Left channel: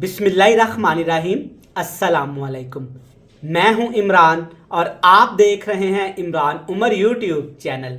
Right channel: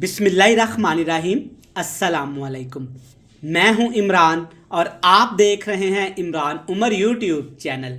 बिस्मिल्लाहिर्रहमानिर्रहीम। अस्सलामुअलैकुम। मैं हूं इमरान और आप देख रहे हैं इमरान उमर यूट्यूब चैनल।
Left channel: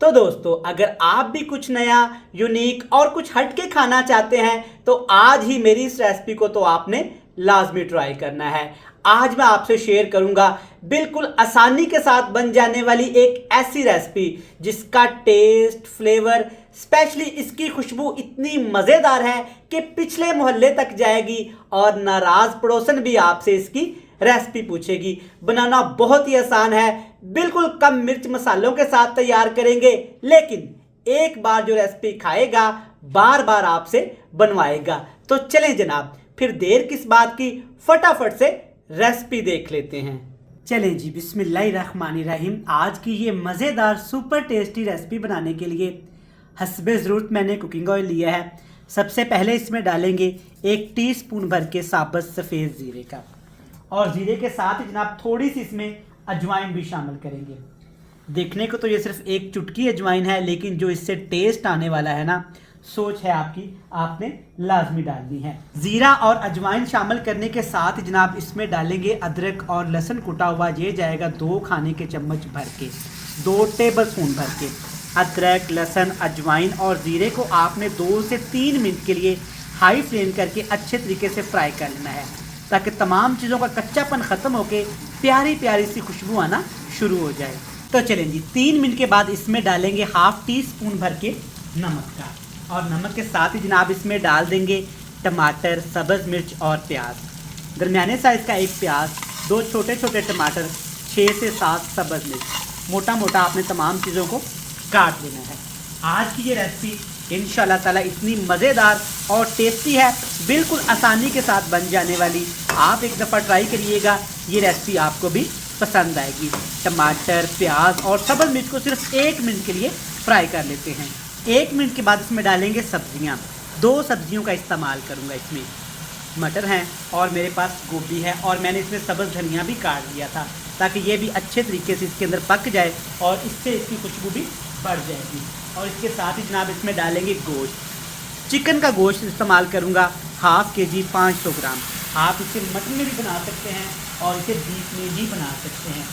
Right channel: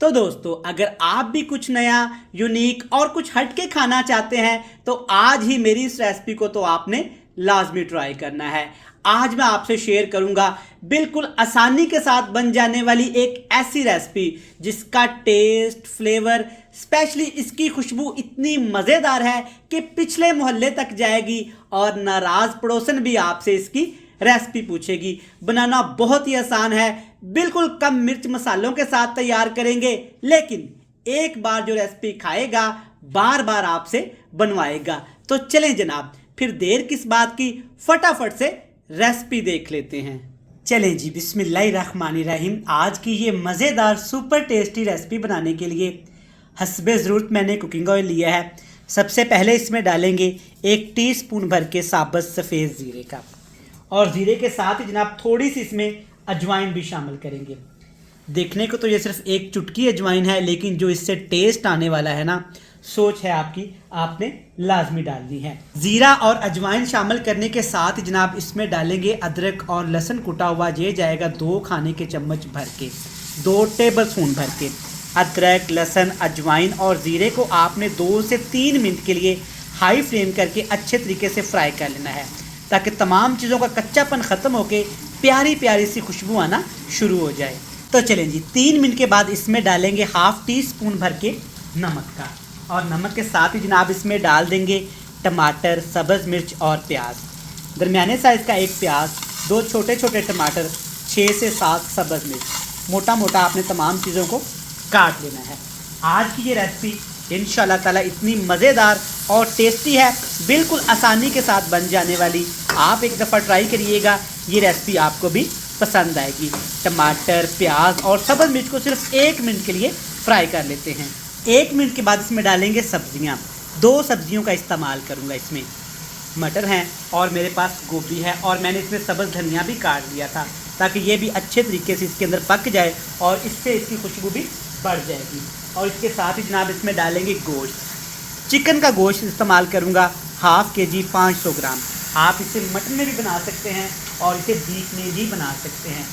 तो दोस्तों, अगर आप भी कुछ नया, यूनिक और कुछ हटके खाना चाहते हैं तो आज ही मेरी इस रेसिपी को तो आपने लाजमी ट्राई करना है। आज मैं आपसे शेयर करूंगा बिल्कुल आसानी के साथ बन जाने वाली एक ऐसी रेसिपी जिसका टेस्ट, फ्लेवर, स्पेशली इसकी खुशबू इतनी मज़ेदार है कि पिछले मोहल्ले तक जाएगी और नाराज़ पड़ोसन भी आपसे इसकी रेसिपी पूछेगी। बनाना बहुत ही आसान है, बिल्कुल कम मिर्च मसालों के साथ तैयार करेंगे, लेकिन एक बार जो रेसिपी खाएगा बार बार आपसे बनवाएगा। तो चलें जनाब, फिर देर किस बात की, फटाफट से रेसिपी देख लेते हैं। चलें जी, बिस्मिल्लाहिर्रहमानिर्रहीम। आज की ये मज़ेदार सुपर टेस्टी रेसिपी बनाने के लिए हस्बे ज़रूरत मैंने कुकिंग ऑयल लिया है। सबसे पहले इसमें डालेंगे 1 टीस्पून भर के साबुत सफ़ेद ज़ीरे का, और ज़ीरे के साथ ही जनाब थोड़ी सी इसमें अजवाइन भी शामिल करेंगे। देखने को तो ये सिर्फ एक चुटकी अजवाइन है, लेकिन जो इससे टेस्ट आने वाला है ना, सोच है आपकी, आपने लाजमी डालनी है। ज़ीरा और अजवाइन शामिल करने के साथ ही जनाब इसमें डालेंगे अदरक और लहसुन कुटा हुआ। ये जाएगा 2 खाने के चम्मच भर के, 2 टेबल स्पून भर के। अदरक, लहसुन, अजवाइन और ज़ीरे को आपने 2 से 3 मिनट के लिए हाई फ्लेम करके अच्छे तरीके से फ्राई कर लेना है, ताकि तमाम चीज़ों का कच्चापन ख़त्म होकर प्यारी प्यारी सी खुशबू आना शुरू हो जाए। तो चलें जी, 3 मिनट के बाद इसमें डालेंगे 1/2 टीस्पून भर के नमक का, और नमक के साथ ही जनाब इसमें डाल देंगे टमाटर, सब्ज़ मिर्च और प्याज। दरमियाने साइज़ का 1 प्याज, 2 छोटे छोटे टमाटर, 6 से 7 सब्ज़ मिर्च। मोटा मोटा आपने तमाम चीज़ों को काट लेना है। आज की ये रेसिपी इंशाल्लाह ताला इतनी मज़ेदार और टेस्टी है, बिल्कुल आसानी के साथ बन जाने वाली। आप एक दफ़ा ट्राई करिएगा, ये रेसिपी आपको भी पसंद आएगी। टमाटर, प्याज और सब्ज़ मिर्च को सिर्फ 1 मिनट के लिए फ्राई कर लेते हैं। 1 मिनट के बाद इसमें डालेंगे सब्जियां। 2 सब्जियों का इस्तेमाल करूंगा इसमें। मटर हैं और मेरे पास गोभी है, और मैंने इसमें सब्ज़ धनिया भी काट लिया था, ताकि ये भी अच्छे तरीके से इसके अंदर पक जाए और इससे इसकी खुशबू भी बढ़ जाएगी। और इसके साथ ही जनाब इसमें डालेंगे गोश्त। चिकन का गोश्त इस्तेमाल करूंगा 1/2 kg 500 ग्राम। आप इसे मटन में भी बना सकते हैं और इसे बीफ में भी बना सकते हैं।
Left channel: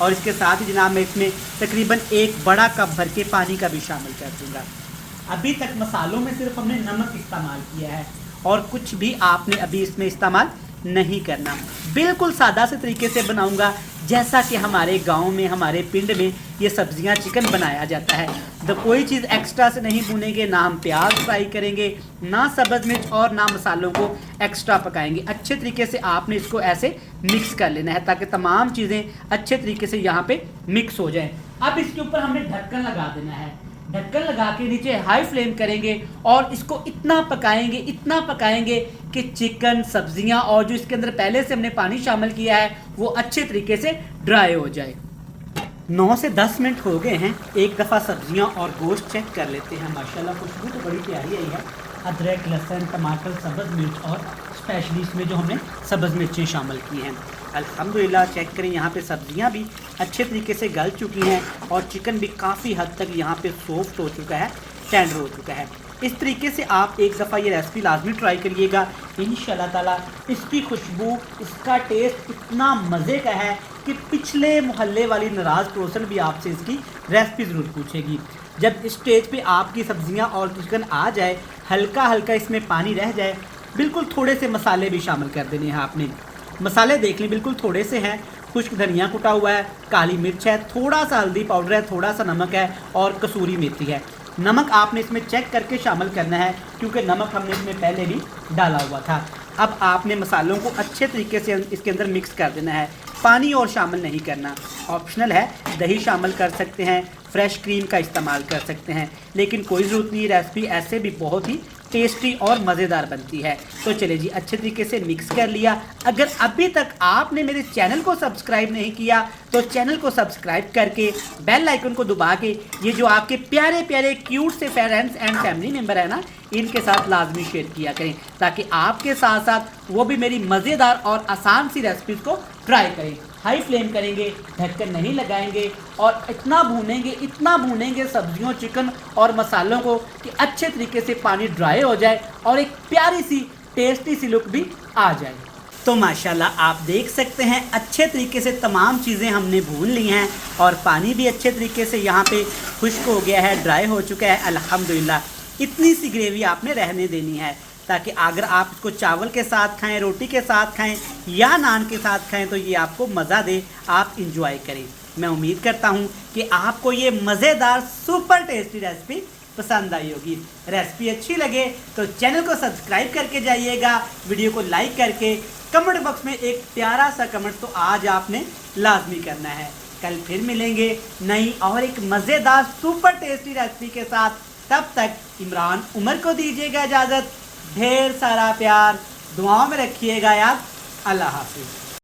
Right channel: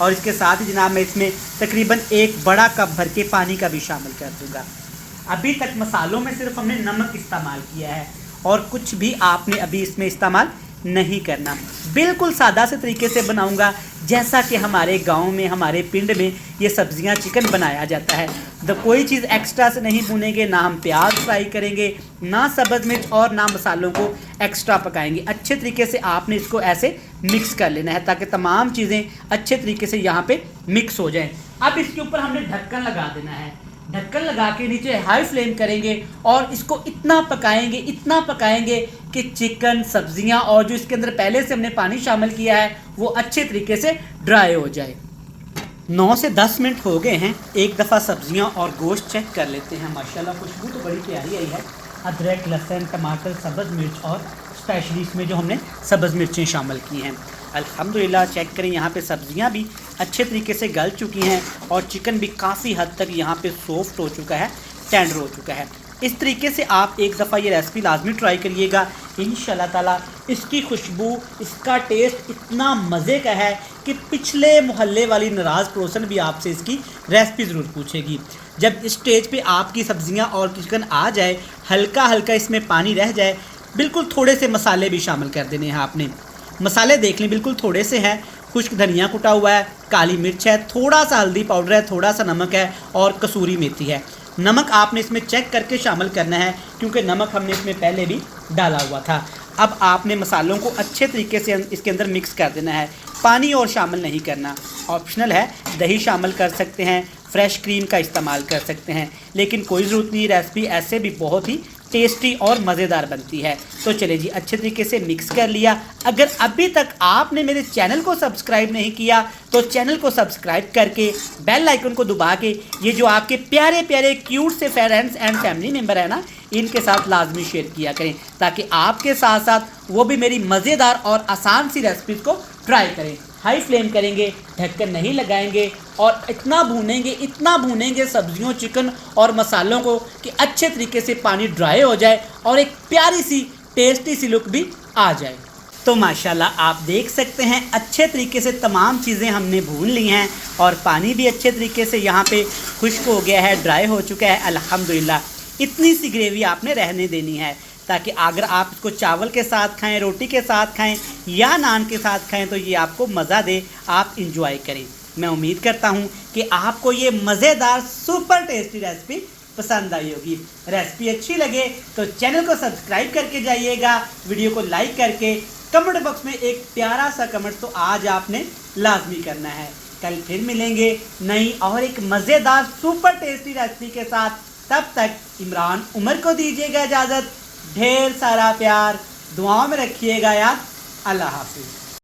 और इसके साथ ही जनाब मैं इसमें तकरीबन 1 बड़ा कप भर के पानी का भी शामिल कर दूँगा। अभी तक मसालों में सिर्फ हमने नमक इस्तेमाल किया है और कुछ भी आपने अभी इसमें इस्तेमाल नहीं करना। बिल्कुल सादा से तरीके से बनाऊंगा, जैसा कि हमारे गांव में, हमारे पिंड में ये सब्जियां, चिकन बनाया जाता है। तो कोई चीज़ एक्स्ट्रा से नहीं भूनेंगे, ना हम प्याज फ्राई करेंगे, ना सब्ज़ मिर्च और ना मसालों को एक्स्ट्रा पकाएंगे। अच्छे तरीके से आपने इसको ऐसे मिक्स कर लेना है, ताकि तमाम चीज़ें अच्छे तरीके से यहाँ पे मिक्स हो जाएं। अब इसके ऊपर हमने ढक्कन लगा देना है। ढक्कन लगा के नीचे हाई फ्लेम करेंगे और इसको इतना पकाएंगे कि चिकन, सब्जियां और जो इसके अंदर पहले से हमने पानी शामिल किया है वो अच्छे तरीके से ड्राई हो जाए। 9 से 10 मिनट हो गए हैं। एक दफ़ा सब्जियां और गोश्त चेक कर लेते हैं। माशाल्लाह खुशबू तो बड़ी प्यारी आई है। अदरक, लहसुन, टमाटर, सब्ज़ मिर्च और स्पेशली इसमें जो हमने सब्ज़ मिर्चें शामिल की हैं, अल्हम्दुलिल्लाह। चेक करें, यहाँ पे सब्जियाँ भी अच्छे तरीके से गल चुकी हैं और चिकन भी काफ़ी हद तक यहाँ पे सॉफ्ट हो चुका है, टेंडर हो चुका है। इस तरीके से आप एक दफ़ा ये रेसिपी लाजमी ट्राई करिएगा। इंशाल्लाह ताला इसकी खुशबू, इसका टेस्ट इतना मज़े का है कि पिछले मोहल्ले वाली नाराज़ पड़ोसन भी आपसे इसकी रेसिपी ज़रूर पूछेगी। जब इस स्टेज पे आपकी सब्जियां और चिकन आ जाए, हल्का हल्का इसमें पानी रह जाए, बिल्कुल थोड़े से मसाले भी शामिल कर देने हैं आपने। मसाले देख लें, बिल्कुल थोड़े से हैं। खुश्क धनिया कुटा हुआ है, काली मिर्च है, थोड़ा सा हल्दी पाउडर है, थोड़ा सा नमक है और कसूरी मेथी है। नमक आपने इसमें चेक करके शामिल करना है, क्योंकि नमक हमने इसमें पहले भी डाला हुआ था। अब आपने मसालों को अच्छे तरीके से इसके अंदर मिक्स कर देना है। पानी और शामिल नहीं करना, ऑप्शनल है। दही शामिल कर सकते हैं, फ्रेश क्रीम का इस्तेमाल कर सकते हैं, लेकिन कोई ज़रूरत नहीं। रेसिपी ऐसे भी बहुत ही टेस्टी और मज़ेदार बनती है। तो चलिए जी, अच्छे तरीके से मिक्स कर लिया। अगर अभी तक आपने मेरे चैनल को सब्सक्राइब नहीं किया तो चैनल को सब्सक्राइब करके बेल आइकन को दबा के ये जो आपके प्यारे प्यारे क्यूट से फ्रेंड्स एंड फैमिली मेम्बर है ना, इनके साथ लाजमी शेयर किया करें, ताकि आपके साथ साथ वो भी मेरी मज़ेदार और आसान सी रेसिपीज़ को ट्राई करें। हाई फ्लेम करेंगे, ढक्कन नहीं लगाएंगे और इतना भूनेंगे सब्जियों, चिकन और मसालों को कि अच्छे तरीके से पानी ड्राई हो जाए और एक प्यारी सी टेस्टी सी लुक भी आ जाए। तो माशाल्लाह आप देख सकते हैं अच्छे तरीके से तमाम चीज़ें हमने भून ली हैं और पानी भी अच्छे तरीके से यहाँ पे खुश्क हो गया है, ड्राई हो चुका है अल्हम्दुलिल्लाह। इतनी सी ग्रेवी आपने रहने देनी है ताकि अगर आप इसको चावल के साथ खाएं, रोटी के साथ खाएं या नान के साथ खाएं तो ये आपको मज़ा दे, आप इंजॉय करें। मैं उम्मीद करता हूँ कि आपको ये मज़ेदार सुपर टेस्टी रेसिपी पसंद आई होगी। रेसिपी अच्छी लगे तो चैनल को सब्सक्राइब करके जाइएगा, वीडियो को लाइक करके कमेंट बॉक्स में एक प्यारा सा कमेंट तो आज आपने लाजमी करना है। कल फिर मिलेंगे नई और एक मज़ेदार सुपर टेस्टी रेसिपी के साथ। तब तक इमरान उमर को दीजिएगा इजाज़त। ढेर सारा प्यार, दुआओं में रखिएगा याद। अल्लाह हाफिज़।